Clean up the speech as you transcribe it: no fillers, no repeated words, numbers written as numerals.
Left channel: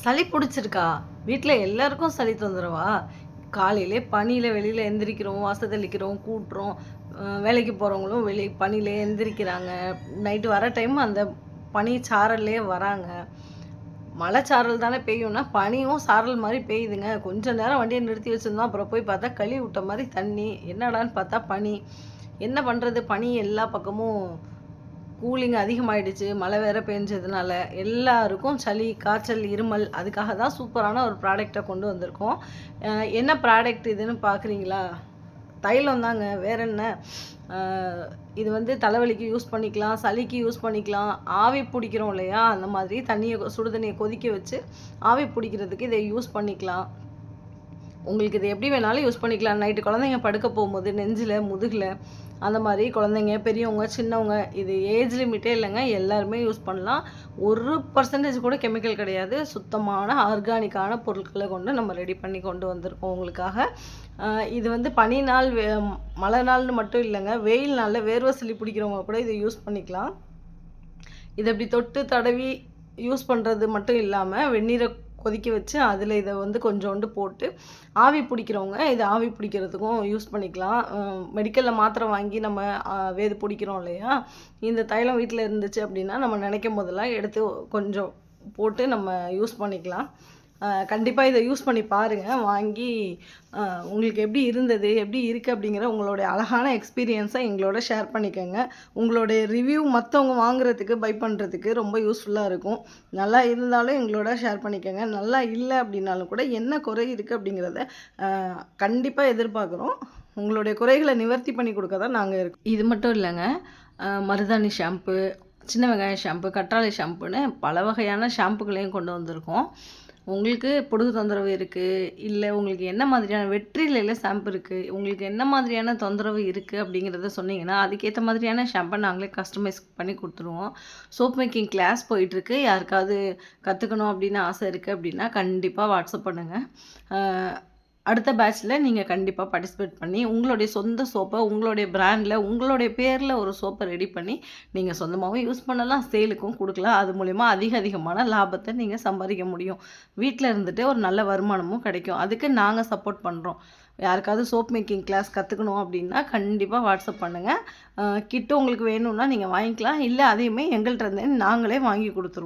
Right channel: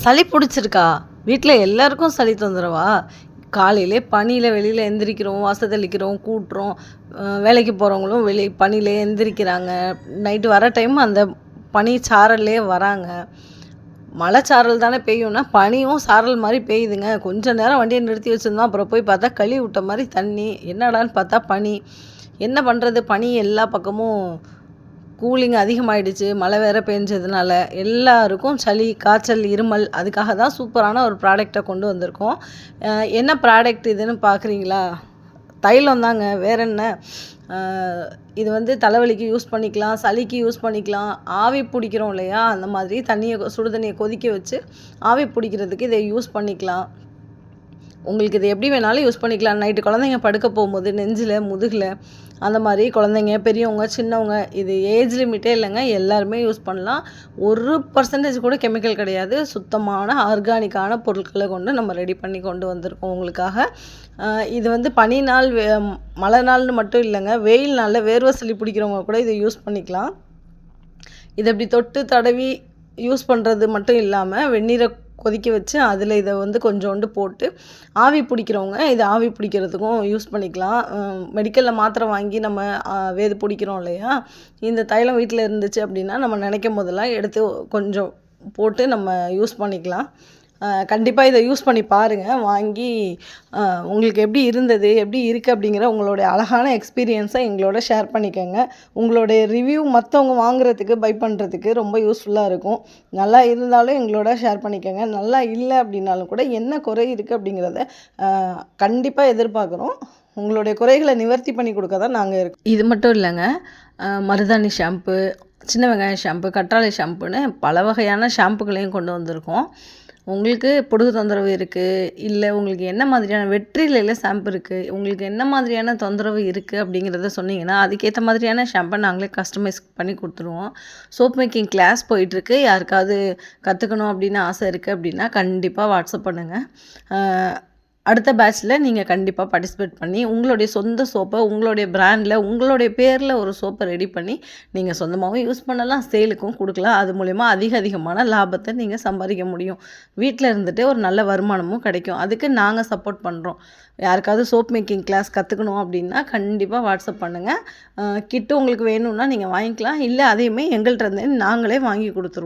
சளி பிடிச்சிருக்கா? வீட்ல எல்லாருக்கும் சளி தொந்தரவா? காலையிலே பனியில வெளியில எந்திரிக்கிறோம், வாச தெளிக்கிறோம், கூட்டுறோம். வேலைக்கு போறவங்களும் பனியிலே எந்திரிக்கிறாங்க. நைட்டு வர டைம் அந்த பனி சாரல்லே வராங்க. மழை சாரல் தானே பெய்யும்னா, பனியும் சாரல் மாரி பெய்யுதுங்க. கொஞ்ச நேரம் வண்டிய நிறுத்தி வச்சிருந்தோம். அப்புறம் போய் பார்த்தா கழுவி விட்ட மாரி தண்ணி. என்னடான்னு பார்த்தா பனி. என்ன பண்றது? பனி எல்லா பக்கமும் கூலிங் அதிகமாயிடுச்சு. மழை வேற பெஞ்சதுனால, எல்லாருக்கும் சளி, காய்ச்சல், இருமல். அதுக்காக தான் சூப்பரான ஒரு ப்ராடக்ட்ட கொண்டு வந்திருக்கோம். அ என்ன ப்ராடக்ட் இதுன்னு பார்க்குறீங்களா? தைலம் தாங்க. வேற என்ன? அ இது வந்து தலைவலிக்கு யூஸ் பண்ணிக்கலாம், சளிக்கு யூஸ் பண்ணிக்கலாம். ஆவி பிடிக்கிறோம் இல்லையா? அந்த மாதிரி சுடு தண்ணிய கொதிக்க வச்சு, ஆவி பிடிக்கிறதுக்கு இத யூஸ் பண்ணிக்கலாம். உங்களுக்கு இது எப்படி வேணாலும் யூஸ் பண்ணிக்கலாம். நைட்டு குழந்தைங்க படுக்க போகும்போது நெஞ்சில, முதுகுல அந்த மாரி குழந்தைங்க, பெரியவங்க, சின்னவங்க இது ஏஜ் லிமிட்டே இல்லைங்க. எல்லாருமே யூஸ் பண்ணலாம். 1% கூட கெமிக்கல் கிடையாது. சுத்தமான ஆர்கானிக்கான பொருட்கள கொண்டு நம்ம ரெடி பண்ணி கொண்டு வந்திருக்கோம் உங்களுக்காக. இது வந்து பனி நாள், மழை நாள்னு மட்டும் இல்லைங்க. வெயில் நாள்ல வேர்வை சளி பிடிக்கிறவங்க கூட இத யூஸ் பண்ணிக்கலாம். இத இப்படி தொட்டு தடவி யூஸ் பண்ணுறது மட்டும் இல்லாம, வெந்நீர கொதிக்க வச்சு அதில இத வந்து கொஞ்சோண்டு போட்டு, ஆவி பிடிக்கிறவங்க இத ஆவி பிடிக்கிறதுக்கும் யூஸ் பண்ணிக்கலாம். மெடிக்கல்ல மாத்திரை வாங்கி நம்ம வேது பிடிக்கிறோம் இல்லையா? இந்த தைலம் வீட்ல இருந்துச்சு அப்படின்னா, நம்ம நினைக்கும் போதெல்லாம் எடுத்து கொஞ்சம் போட்டு நம்ம யூஸ் பண்ணிக்கலாம். கண்டிப்பா இத யூஸ் பண்ணி பாருங்க. வாங்கி உங்களுக்கு எப்படி இருந்தது? எப்படி இருக்கு? அப்படிங்கிற உங்களுடைய அழகான எக்ஸ்பீரியன்ஸ எங்களோட ஷேர் பண்ணிக்கங்க. உங்களுடைய ரிவ்யூ மத்தவங்க வாங்குறதுக்கு, பை பண்ணுறதுக்கு ரொம்ப யூஸ்ஃபுல்லா இருக்கும். நல்லா இருந்தாலும் எங்களோட ஷேர் பண்ணிக்கங்க. நல்லா இல்ல அப்படின்னாலும் கூட என்ன குறை இருக்கு அப்படிங்கிறத அ கண்டிப்பா எதிர்பார்க்குறோம். உங்களுடைய குறைகள நிவர்த்தி பண்ணி குடுக்க தான் நாங்க இருக்கோம். இது மட்டும் இல்லங்க. மருதாணி ஷாம்பு, சின்ன வெங்காயம் ஷாம்பு, கற்றாழை ஷாம்புன்னு பல வகையான ஷாம்புகளையும் கொண்டு வந்திருக்கோம். உங்களுக்கு பொடுகு தொந்தரவு இருக்குது, இல்லை உங்களுக்கு என்ன மாதிரியான வெற்றிலையில ஷாம்பு இருக்குது, உங்களுக்கு என்ன மாதிரியான தொந்தரவு இருக்குது அப்படிங்கிறத சொன்னீங்கன்னா, அதுக்கேற்ற மாதிரியான ஷாம்பை நாங்களே கஸ்டமைஸ் பண்ணி கொடுத்துருவோம். சோப் மேக்கிங் கிளாஸ் போயிட்டுருக்கு. யாருக்காவது கற்றுக்கணும் அப்படின்னு ஆசை இருக்குது அப்படின்னா, கண்டிப்பாக வாட்ஸ்அப் பண்ணுங்கள். அடுத்த பேட்ச்சில் நீங்கள் கண்டிப்பாக பார்ட்டிசிபேட் பண்ணி, உங்களுடைய சொந்த சோப்பை உங்களுடைய பிராண்டில், உங்களுடைய பேரில் ஒரு சோப்பை ரெடி பண்ணி, நீங்கள் சொந்தமாகவும் யூஸ் பண்ணலாம், சேலுக்கும் கொடுக்கலாம். அது மூலிமா அதிகமான லாபத்தை நீங்கள் சம்பாதிக்க முடியும். வீட்டில் இருந்துட்டு ஒரு நல்ல வருமானமும் கிடைக்கும். அதுக்கு நாங்கள் சப்போர்ட் பண்ணுறோம். யாருக்காவது சோப் மேக்கிங் கிளாஸ் கற்றுக்கணும் அப்படின்னா, கண்டிப்பாக வாட்ஸ்அப் பண்ணுங்கள். கிட்டு உங்களுக்கு வேணும்னா நீங்கள் வாங்கிக்கலாம். இல்லை அதையுமே எங்கள்கிட்ட இருந்து நாங்களே வாங்கி கொடுத்துருவோம்.